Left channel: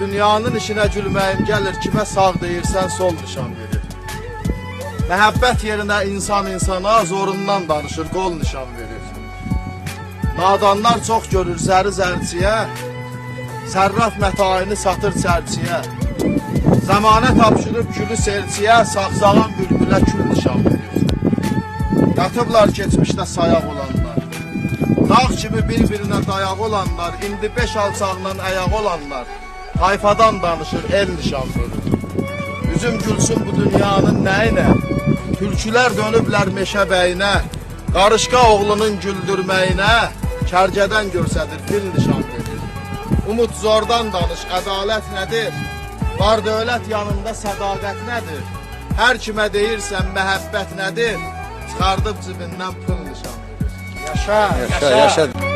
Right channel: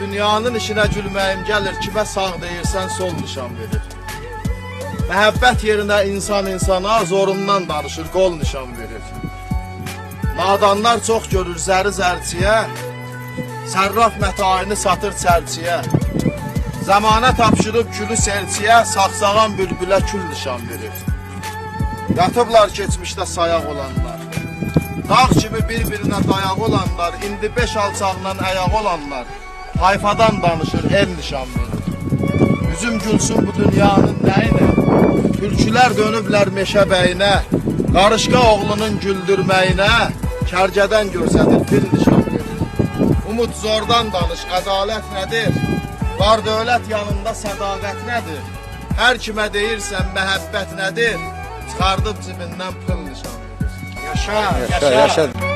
Dünyanın işinə gülməyim gəlir, kimə sağ deyirsən sol nişan verir. Məhəbbət yerinə insan insana zorundan danışır, qol nişan verir. Nadanlar çox görür zəri zərciyə, sərraf mətayını satır çərçiyə. Zamanə tapşırıb külü serçiyə, saxsağan bülbülə kül nişan verir. Yatıblar keçmişdə sayaq olanlar, dağ kimi bir-birinə dayaq olanlar, indi 5 alçaqla əyaq olanlar, tayfadan danışır, el nişan verir. Üzüm gülsün bu dünyanın nəyinə, türkülər dönüblər meşə bəyinə, qarışqa oğlunun güldürməyinə, kərgədən görsədir, dil nişan verir. Umud zordan danış, ədalət nədir? Var dövlət yanında sədaqət nədir? Hər kimə deyirsən məhəbbət nədir? Çıxardıb cibindən pıl nişan verir. Yaşa, yaşa.